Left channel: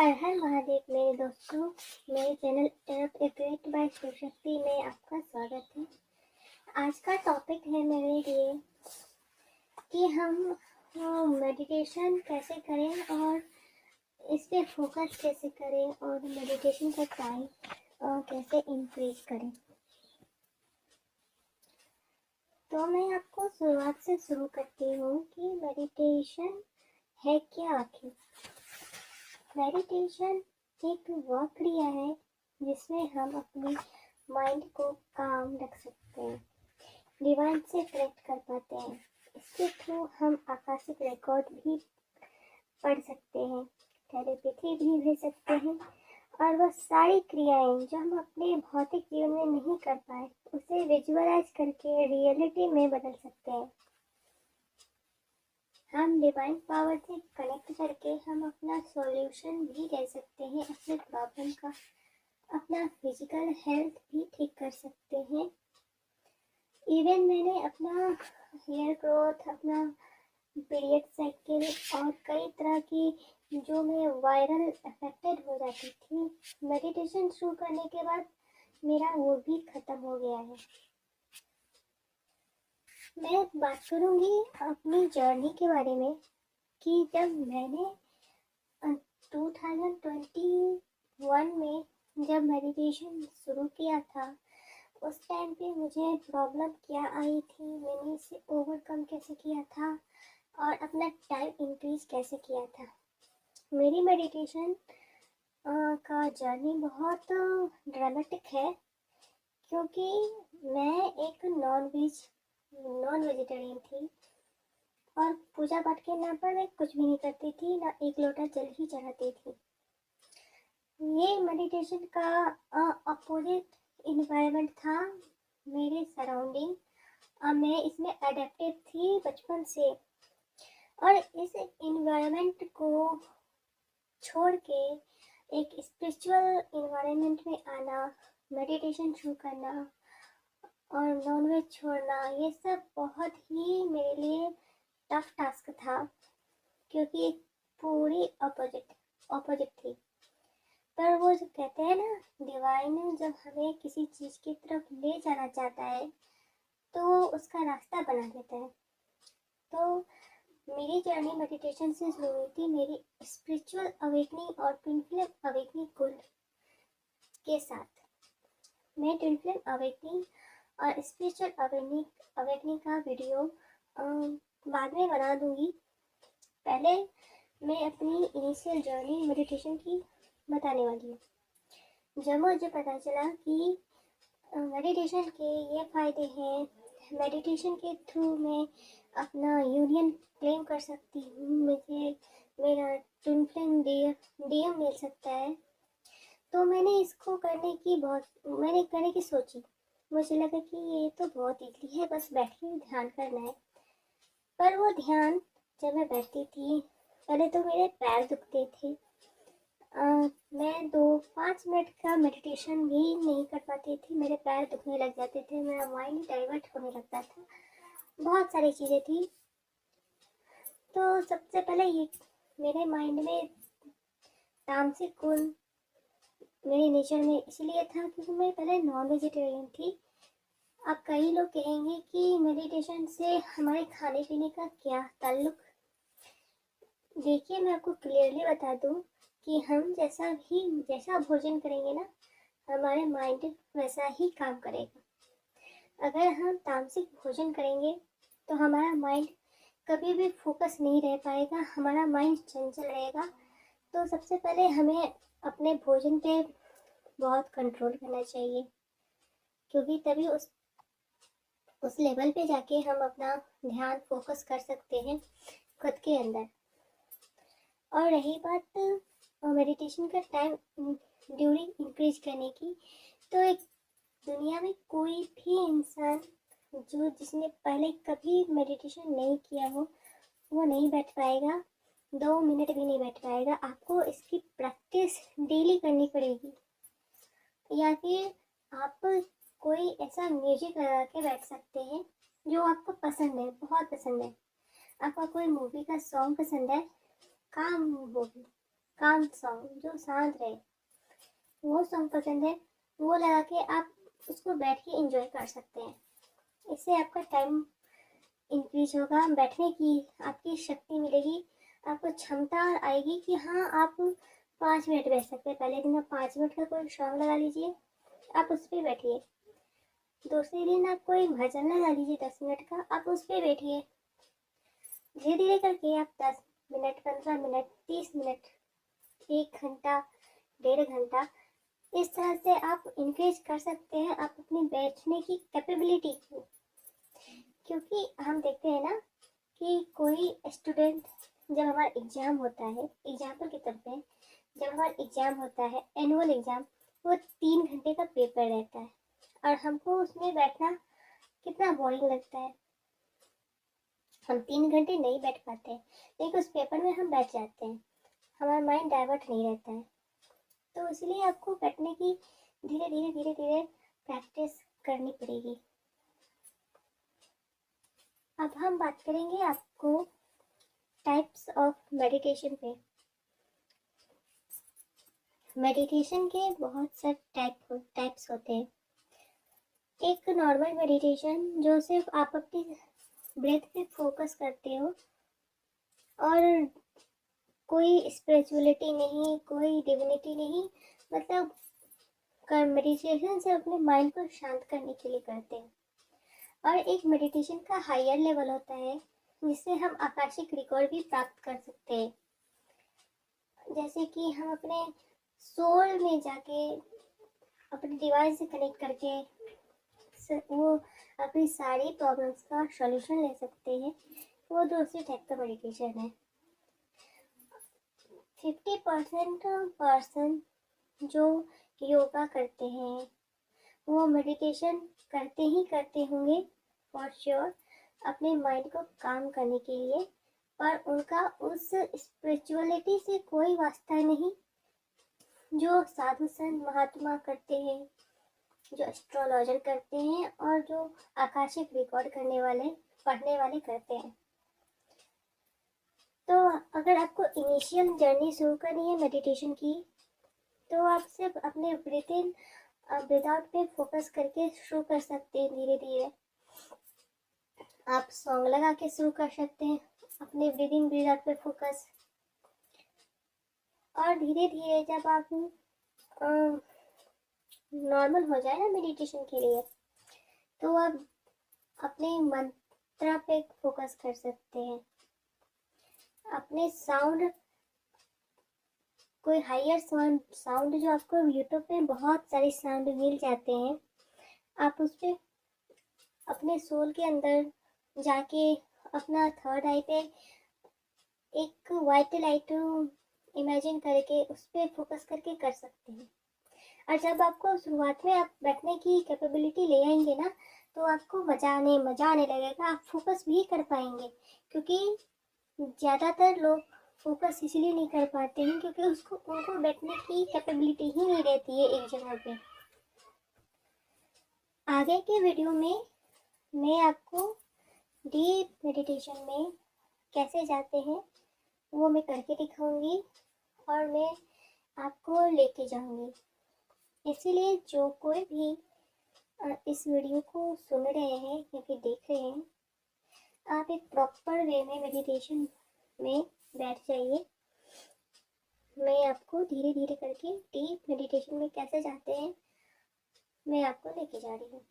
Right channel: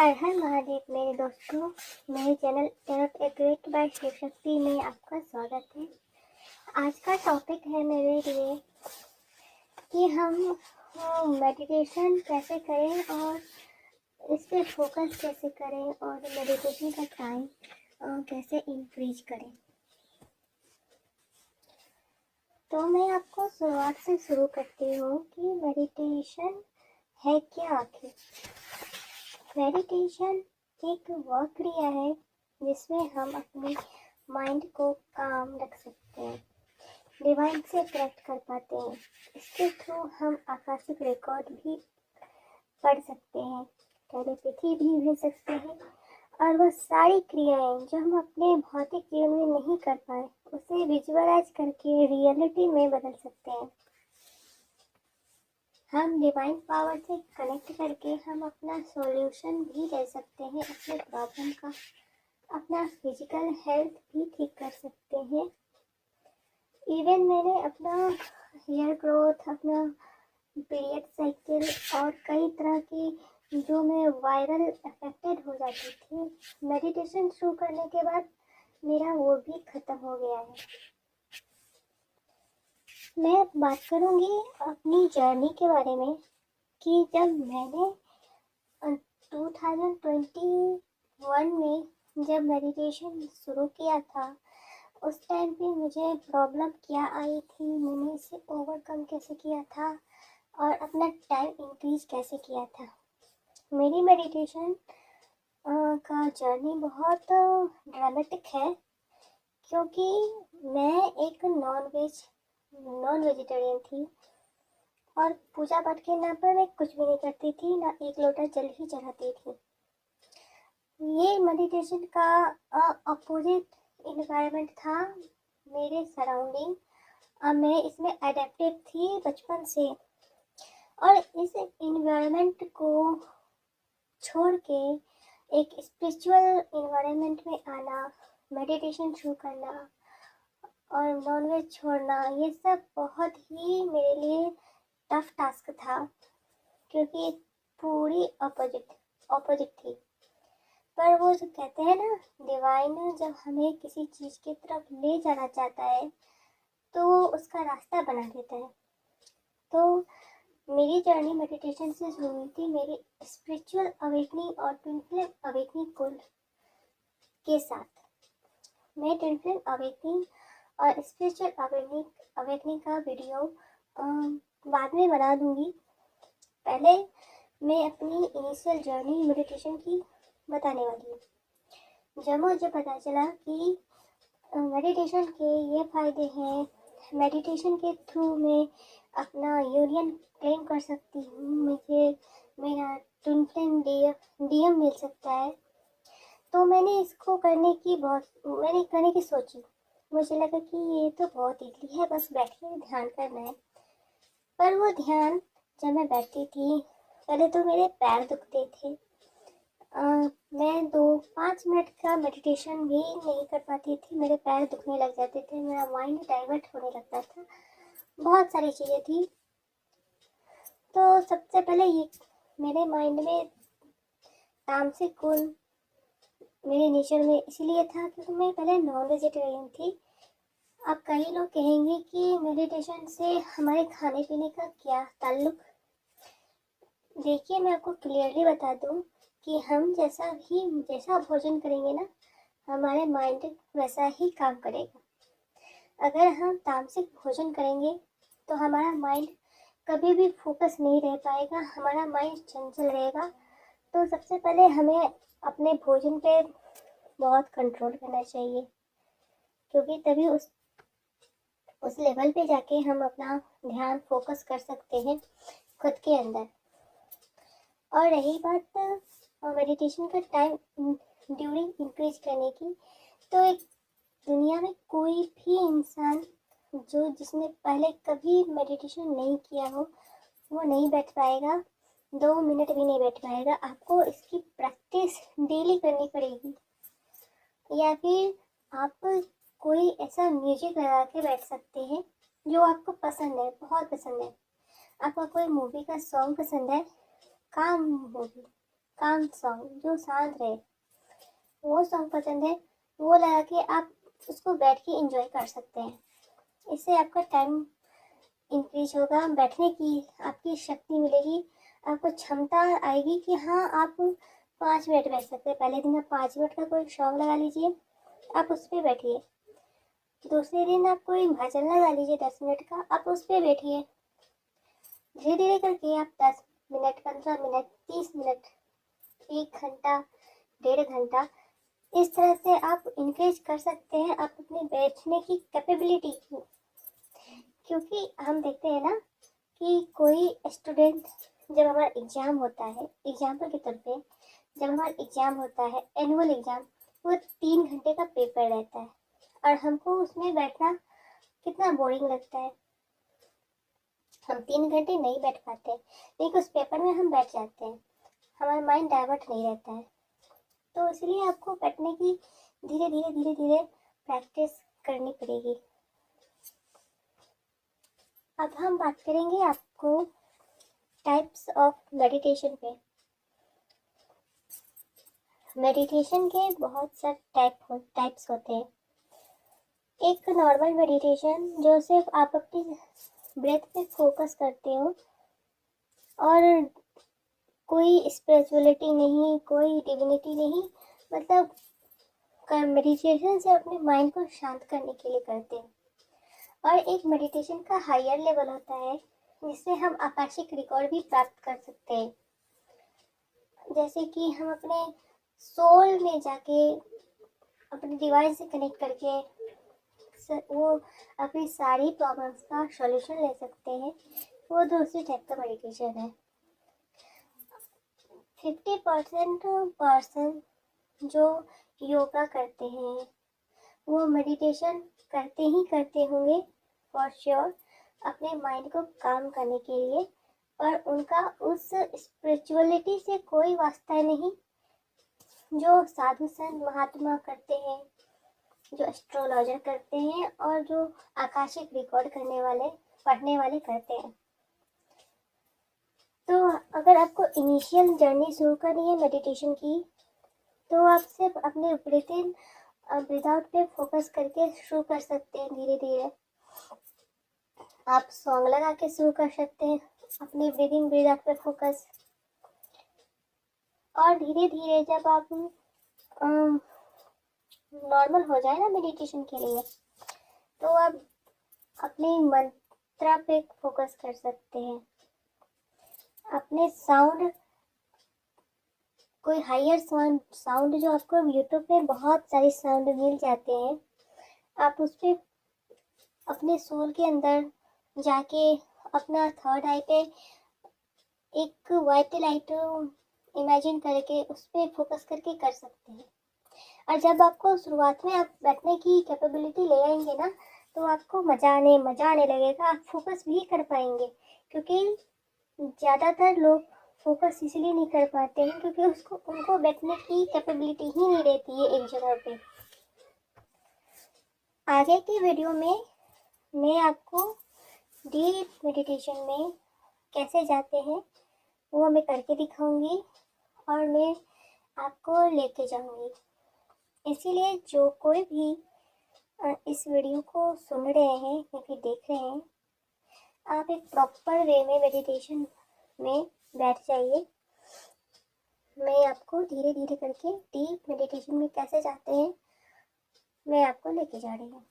हर हर महादेव मेरे दोस्तों, मेरे चैनल तरफ एक ग्रेट बाय शिव शक्ति में आपका स्वागत है। आज का टॉपिक है मेरे लिए कि हम मेडिटेशन कैसे करें और इस पे फोकस कैसे करें और मेडिटेशन का टाइम कैसे इंक्रीज करें। तो मैं आपको शुरुआत से शुरू करती हूँ कि मेडिटेशन है क्या आखिर। मेडिटेशन एक वह क्रिया है जिसमें हम अपनी माइंड को काम रख सकते हैं, डिवाइन से कनेक्ट कर पाते हैं। इसके थ्रू हम आकाशिक रिकॉर्ड भी पढ़ सकते हैं, टेलीपैथी भी भेज सकते हैं और वह सारी क्रियाएं जो हम अपने भौतिक जीवन में नहीं कर पाए उसे विजुअलाइज करके रियलिटी में बदल सकते हैं। हम डिवाइन पावर से कनेक्ट करके हम अपना सॉल्यूशन भी ले सकते हैं अपने प्रॉब्लम का, अपना फिजिकल हेल्थ भी ठीक कर सकते हैं। इवन मैंने अपना हेयर ग्रोथ, अपना पीरियड साइकिल और कई तरह की जो मैं वायरल अफेक्टेड हो जाती थी, मेडिटेशन शुरू करने के बाद मेरा वो भी ख़त्म हो गया है। मैं बात करूँगी अपनी जर्नी के बारे में कि जब मैंने 2021 में जब मेडिटेशन शुरू किया था, उस टाइम पे मुझे प्रॉब्लम क्या आई थी, मैंने इसे ओवरकम कैसे किया था और अपना टाइम इंक्रीज कैसे किया था। मेरी मेडिटेशन का जर्नी बहुत ड्रामेटिक है क्योंकि मैं एक नॉन वेजिटेरियन थी और पूजा पाठ के नाम पर मैं कुछ भी नहीं करती थी, ना एक लोटा जल ही चढ़ाती थी। ये मेडिटेशन का अपोजिट इन्वायरमेंट था मेरे सराउंडिंग। मैं इसमें अडेप्टेड थी बचपन से और इस इन्वायरमेंट को छोड़ के एक स्पिरिचुअल इन्वायरमेंट में आना, मेडिटेशन शुरू करना और नॉनवेज छोड़ना, ये सब बहुत ही मेरे लिए टफ टास्क था क्योंकि एक पूरी ऑपोजिट थी। पर वो जो कहते हैं ना, डिवाइन जब हमें किसी चीज़ की तरफ ले जाना चाहता है तो उसका रास्ता बना देता है। तो मेरी जर्नी मेडिटेशन से शुरू हुई थी मेरी स्पिरिचुअल अवेकनिंग और ट्विन फ्लेम अवेकनिंग कुल के साथ। मैं ट्विन फ्लेम अवेकनिंग और स्पिरिचुअल अवेकनिंग का वीडियो बाद में बना दूंगी। पहले मैं अपनी इनिशियल जर्नी मेडिटेशन की बताने वाली हूँ। जब मुझे पता चला कि मेडिटेशन के ये फ़ायदे हैं, मेडिटेशन के थ्रू मैं अपना यूनियन क्लेम कर सकती हूँ, मुझे मेरा ट्विन फ्लेम डीएम मिल सकता है, तो मैंने इसको करने की सोची। मुझे लगा कि ये तो बहुत ईजी है, बस बैठ के ध्यान करना है। पर वो ध्यान जब मैं बैठती थी, पहले तो मेरे पैर दुखते थे। मैं 2-5 मिनट का मेडिटेशन भी नहीं कर पाती थी, मेरे पैर दुखने लग जाते थे, मेरा माइंड डाइवर्ट होने लगता था, बहुत सारी चीज़ें थी। तो सबसे पहले ये मेरे माइंड में तामसिक गुण मेरे नेचर में इसलिए था क्योंकि मैं पहले नॉन वेजिटेरियन थी। अब कई लोग कहेंगे कि मेडिटेशन से हमारे खाने पीने का क्या ताल्लुक। देखिए, मैं आपको क्लियरली बता दूं कि हम जैसा भोजन करेंगे ना, हमारे माइंड वैसा ही काम करेगा। अगर हम तामसिक भोजन करेंगे तो हमारा माइंड कभी भी फोकस नहीं रह पाएगा, हमारा माइंड चंचल रहेगा। तो सबसे पहले हमें अपने भोजन पे बहुत कंट्रोल करना चाहिए क्योंकि तभी उस लेवल पे जाके हम अपना ध्यान फोकस कर सकते हैं खुद के अंदर। और रही बात मेडिटेशन का टाइम ड्यूरिंग इंक्रीज करने की, तो एक दुनिया में कोई भी इंसान जिसने पहले कभी मेडिटेशन नहीं किया हो वो नहीं बैठ पाएगा, 2 मिनट भी नहीं बैठ पाएगा। आपको इसकी प्रैक्टिस डेली करनी पड़ेगी, या फिर आप कोई ऐसा म्यूजिक लगा के बैठ सकते हैं जो आपको पसंद है, बहुत पसंद है। आपको कोई मूवी का सॉन्ग पसंद है, काम मूवी, काम सॉन्ग जो शांत रहे, वो सॉन्ग पसंद है, वो लगा के आप उसको बैठ के एंजॉय कर सकते हैं। इससे आपका टाइम इंक्रीज होगा, बैठने की आपकी शक्ति मिलेगी, आपको क्षमता आएगी कि हाँ आप 5 मिनट बैठ सकते हैं। पहले दिन आप 5 मिनट का कोई सॉन्ग लगा लीजिए, आप उस पर बैठिए। दूसरे दिन आप कोई भजन लगा लीजिए 10 मिनट का, आप उस पर बैठिए। धीरे धीरे करके आप 10 मिनट, 15 मिनट, 30 मिनट, 1 घंटा, 1.5 घंटा, इस तरह से आप इंक्रीज कर सकते हैं आप अपनी बैठने की कैपेबिलिटी को। क्योंकि हम देखते हैं ना कि कोई स्टूडेंट, जब हमारा एग्ज़ाम होता है, एग्जाम्पल के तौर पे जब हमारा एग्ज़ाम होता है, एनुअल एग्ज़ाम, वो 3 घंटे का पेपर रहता है और हमको उसमें बैठना कितना बोरिंग लगता है। हम 3 घंटे नहीं बैठ पाते, लेकिन उस पेपर में हम बैठ जाते हैं, हमारा माइंड डाइवर्ट नहीं रहता है। तो इसलिए आपको बैठने की धीरे धीरे धीरे धीरे प्रैक्टिस करनी पड़ेगी। अब हम बात करेंगे आपको टाइप्स ऑफ मेडिटेशन पे। मेडिटेशन के बहुत से टाइप्स होते हैं। एक नॉर्मल मेडिटेशन जो सिर्फ आप अपनी ब्रेथ पे फोकस करते हो और कोई स्पिरिचुअलिटी नहीं, कोई डिविनिटी नहीं, मतलब मेडिटेशन से अपने माइंड को शांत करने के लिए करते हैं। और एक मेडिटेशन का हायर लेवल होता है जिससे हम आकाशिक रिकॉर्ड भी प्राप्त कर सकते हैं। जैसे कि हम अपने सोल में जाके अपने डिवाइस से कनेक्ट करके वो अपनी सारी प्रॉब्लम्स का सॉल्यूशन ले सकते हैं। वो दूसरे टाइप का मेडिटेशन है। 50% पर्सन जो योगा करते हैं वो मेडिटेशन करते ही करते होंगे फॉर श्योर, अपने माइंड को काम करने के लिए, पर उनका उस स्पिरिचुअलिटी से कोई वास्ता नहीं जो साधु संत महात्मा करते हैं, जो एस्ट्रोलॉजर करते हैं और जो आकाशिक रिकॉर्ड करने वाले, पढ़ने वाले करते हैं। तो अगर आपको इनिशियल जर्नी शुरू करनी है मेडिटेशन की, तो आप सिर्फ अपने ब्रीथ इन ब्रीथ आउट पे फोकस करके शुरू कर सकते हैं। धीरे धीरे आप सॉन्ग लगा के शुरू कर सकते हैं, अपने ब्रीदिंग ब्रीथ आउट पे फोकस। और धीरे धीरे जब आप नॉर्मल हो जाए ना मेडिटेशन के लिए, तो आप अपने मंत्रा पे फोकस कर सकते हैं, अपने साउंड, कोई हायर साउंड जो आपको यूट्यूब पे बहुत सारे साउंड मिल जाते हैं, आप उस पर अपने सोल के अंदर जाके अपना थर्ड आई पे एक वाइट लाइट इमेजिन करके उस पर फोकस करके कर सकते हैं। और जब आपको शुरुआत में आप बैठने की कैपेबिलिटी ले आएंगे ना, तो आपको मज़ा आने लगेगा, आप फोकस भी कर पाएंगे। क्योंकि ज़्यादातर लोग फोकस इसलिए नहीं कर पाते हैं क्योंकि उनको बैठने की कैपेबिलिटी ही नहीं रहती है एक जगह पे। आगे की वीडियो में मैं आपको डीप मेडिटेशन में कैसे जाते हैं वो मैं करके दिखाऊंगी और मैं आपको लेके जाऊंगी। इसीलिए जो कोई भी इस वीडियो को सुन रहे हैं या फिर देख रहे हैं, आप एक प्रॉपर वे में मेडिटेशन में बैठ जाइए। मैं आपको धीरे धीरे करके डीप मेडिटेशन में कैसे जाते हैं मैं आपको लेके जा रही हूँ।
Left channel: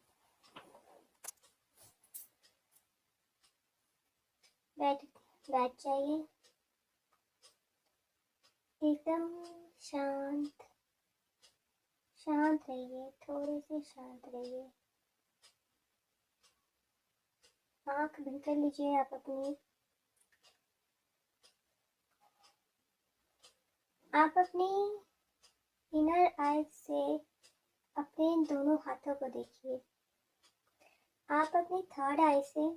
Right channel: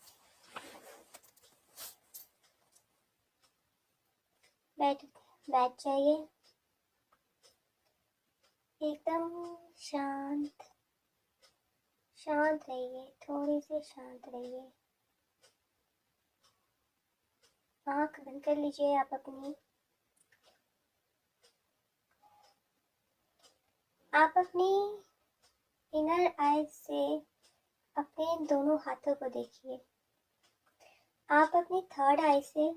बैठ जाइए, एकदम शांत रहिए, थोड़ी सी शांत रहिए। आँख बंद कर लीजिए आप अपनी। आप अपनी इनर आइज से अपने दोनों हाथों को देखिए। आप अपनी थर्ड आई से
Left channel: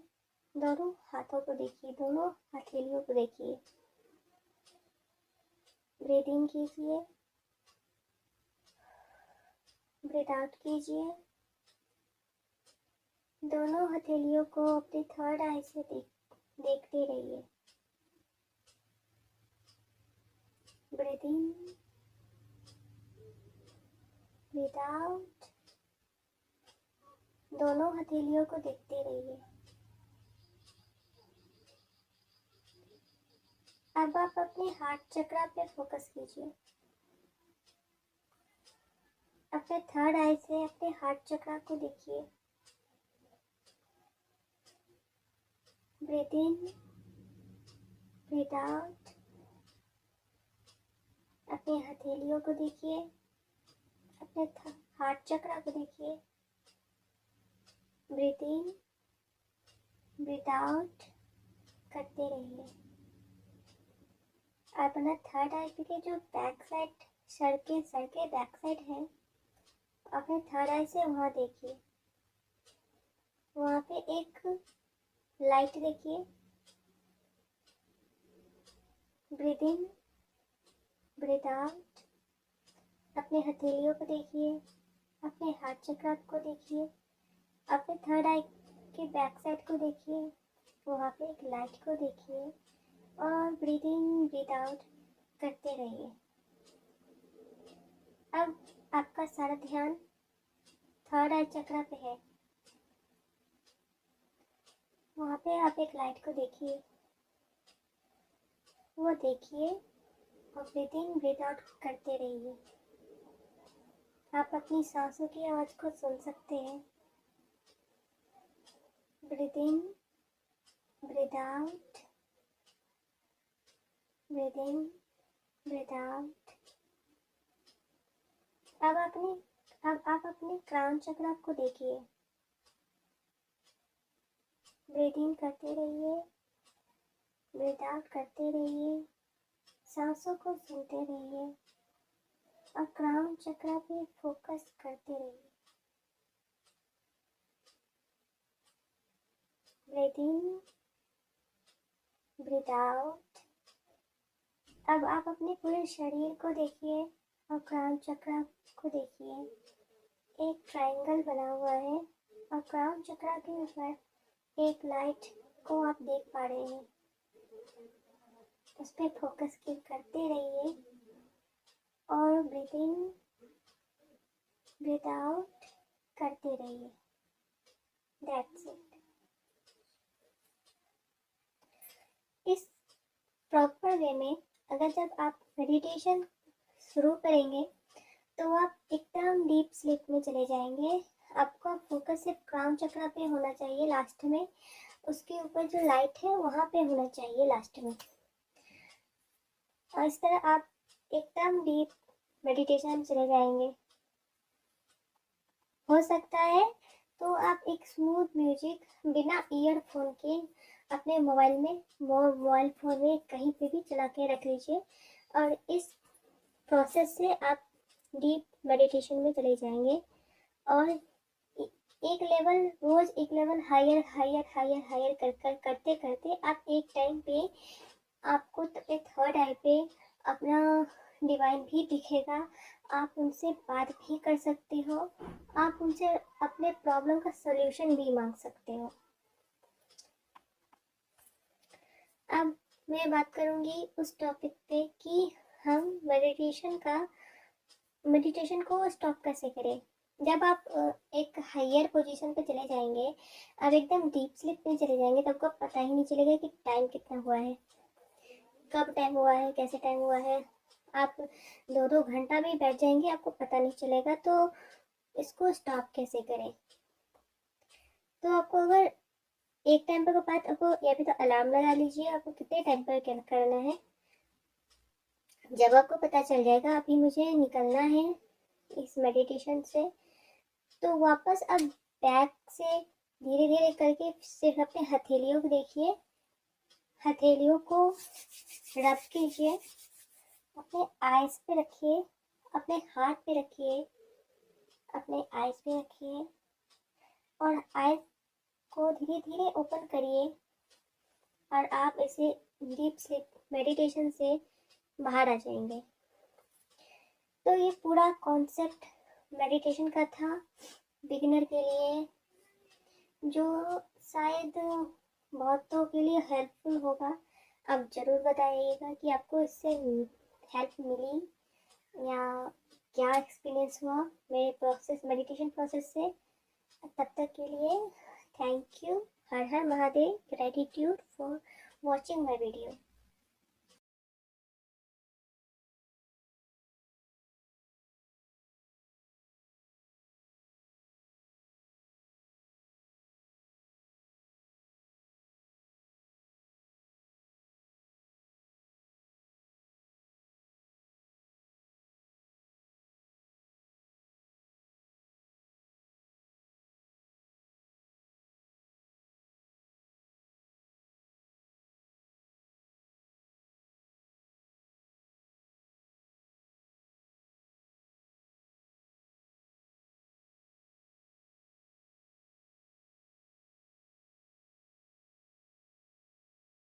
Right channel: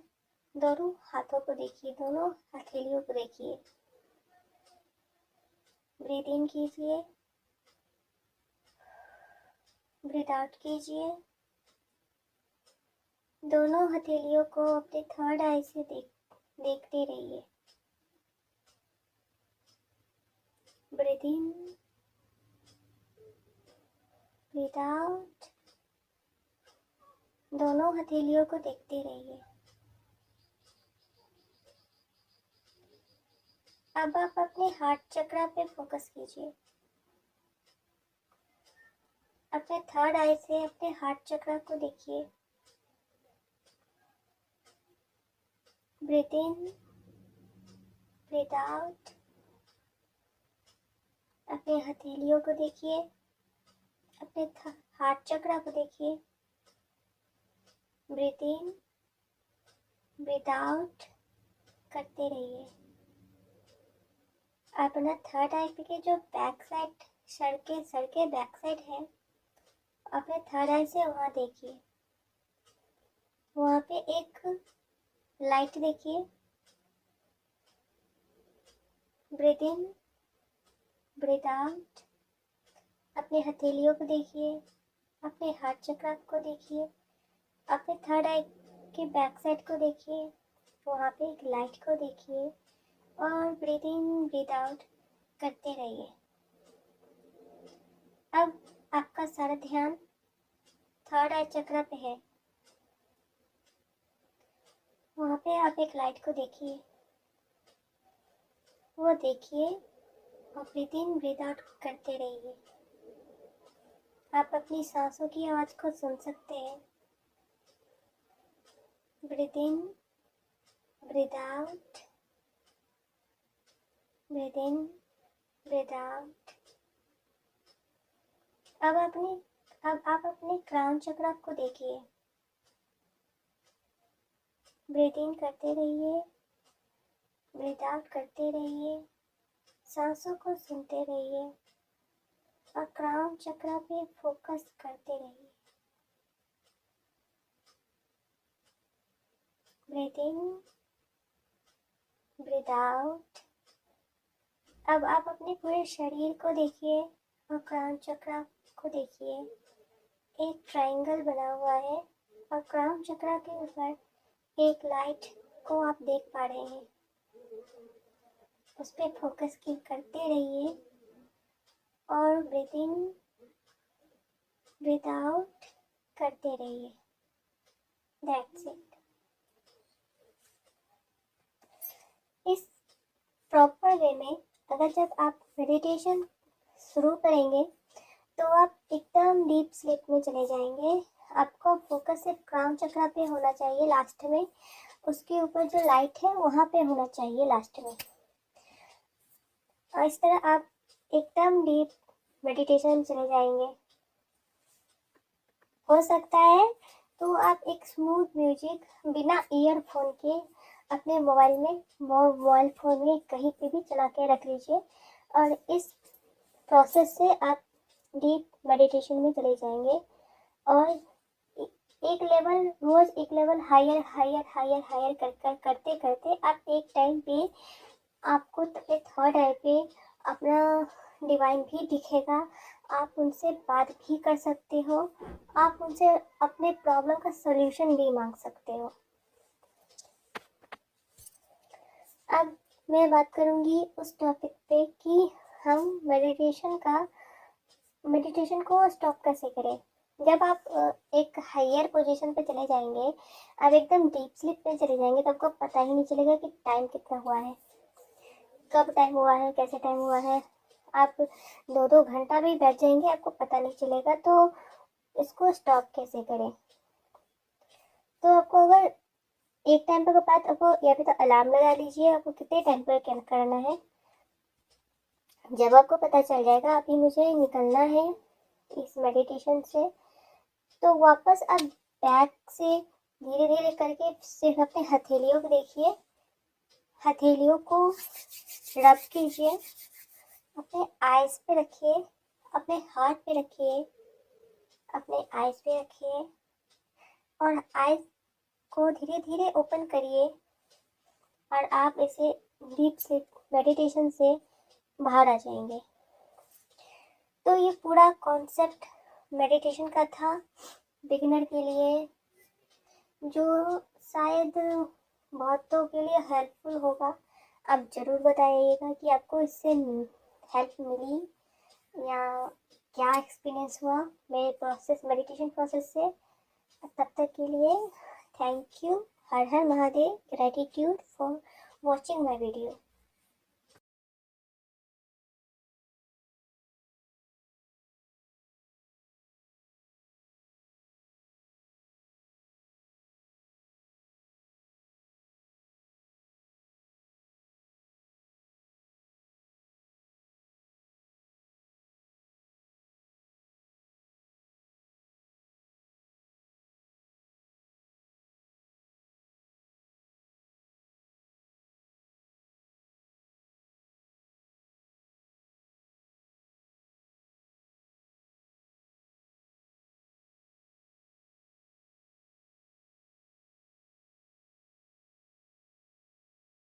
दोनों हाथों को देखिए, दोनों हथेलियों को देखिए। ब्रीथ इन कीजिए, ब्रीथ आउट कीजिए। दोनों हथेलियों को अपने थर्ड आई से देखते रहिए। ब्रीथ इन, ब्रीथ आउट। दोनों हथेलियों को देखते रहिए। अब आप अपने हार्ट चक्र पे फोकस कीजिए। अपने थर्ड आई से अपने हार्ट चक्र को देखिए। ब्रीथ इन, ब्रीथ आउट। अपने हथेलियों को देखिए, अपने हार्ट चक्र को देखिए। ब्रीथ इन, ब्रीथ आउट करते रहिए। अपना थर्ड आई के जो बैक साइड, सर के बैक साइड है, अपने थर्ड आई से वहाँ देखिए। वहाँ पे एक लाइट देखिए। ब्रीथ इन, ब्रीथ आउट। अपने हथेलियों को देखिए, अपने हार्ट चक्र को देखिए, अपने थर्ड आई के बैक साइड को देखिए, वहाँ पे एक लाइट को देखिए और ब्रीथ इन, ब्रीथ आउट करते रहिए। अब आपका सारा ध्यान थर्ड आई चक्र पे है। वहाँ पे आप एक लाइट को देखिए, वो देखिए और ब्रीथ इन, ब्रीथ आउट करते रहिए। आप अपनी सांसों की आवाज़ को सुन सकते हैं। ब्रीथ इन, ब्रीथ आउट, ब्रीथ इन, ब्रीथ आउट। अब आप अपने क्राउन चक्र को देखिए। ब्रीथ इन करते रहिए, ब्रीथ आउट करते रहिए, सांसों को सुनते रहिए और क्राउन चक्र पे फोकस करते रहिए। ब्रीथ इन, ब्रीथ आउट। अब आप अपने पूरे शरीर को देखिए और क्राउन चक्र को देखिए। एक ट्रायंगल बना हुआ है और क्राउन चक्र के ऊपर एक लाइट को आप देख पा रहे हैं। उस पर फोकस की करते रहिए और ब्रीथ इन, ब्रीथ आउट करते रहिए। That's it. इस प्रॉपर वे में अगर जब आप मेडिटेशन शुरू करेंगे तो आप एकदम डीप स्लीप में चले जाएंगे। आपका फोकस सिर्फ क्राउन चक्र पे होना चाहिए लास्ट में, उसके ऊपर जो लाइट है वहाँ पे होना चाहिए लास्ट में। और इस तरह आप एकदम डीप मेडिटेशन में चले जाएंगे। हो सकता है तो आप एक स्मूथ म्यूजिक बिना ईयरफोन के अपने मोबाइल फ़ोन में कहीं पे भी चला के रख लीजिए और इस प्रोसेस से आप डीप मेडिटेशन में चले जाएंगे और रोज़ एक level higher higher higher higher करते करते आप एक टाइम पे आपको तो एक थर्ड आई पे अपना डिवाइन भी दिखेगा। आप उनसे बात भी कर सकते हो, आप उनसे अपने प्रॉब्लम का सॉल्यूशन भी मांग सकते हो। अब मैं बात करूंगी उस टॉपिक पे कि हम मेडिटेशन को स्टॉप कैसे करें। जब आप एक हायर पोजीशन पे चले जाएंगे, आप एकदम डीप स्लीप पे चले जाएंगे, तो आपको पता ही नहीं चलेगा कि टाइम कितना हुआ है, कब टाइम हुआ है, कैसे टाइम हुआ है। आप 2-2 घंटा भी बैठ जाएंगे, आपको पता नहीं चलेगा। तो इसको स्टॉप कैसे करें? तो आपको अगर एक टाइम पर बात आपको या फिर तो अलार्म लगा लीजिए, आपको कितने टाइम पर क्या करना है। जब आपको पता चल जाएगा अभी मुझे निकलना है इस मेडिटेशन से, तो वापस आप बैक से धीरे धीरे करके सिर्फ अपने हथेलियों को देखिए, हथेलियों को रब कीजिए, अपने आइज पे रखिए, अपने हाथ पे रखिए, अपने आइज पे रखिए और आइज को धीरे धीरे ओपन करिए और आप इसे डीप स्लीप मेडिटेशन से बाहर आ जाएंगे। तो ये पूरा कॉन्सेप्ट मेडिटेशन का था बिगिनर के लिए, जो शायद बहुतों के लिए हेल्पफुल होगा। आप ज़रूर बताइएगा कि आपको इससे हेल्प मिली या क्या एक्सपीरियंस हुआ मेरे प्रोसेस मेडिटेशन प्रोसेस से, तब तक के लिए thank you. Her her Mahadev. Gratitude for watching my video.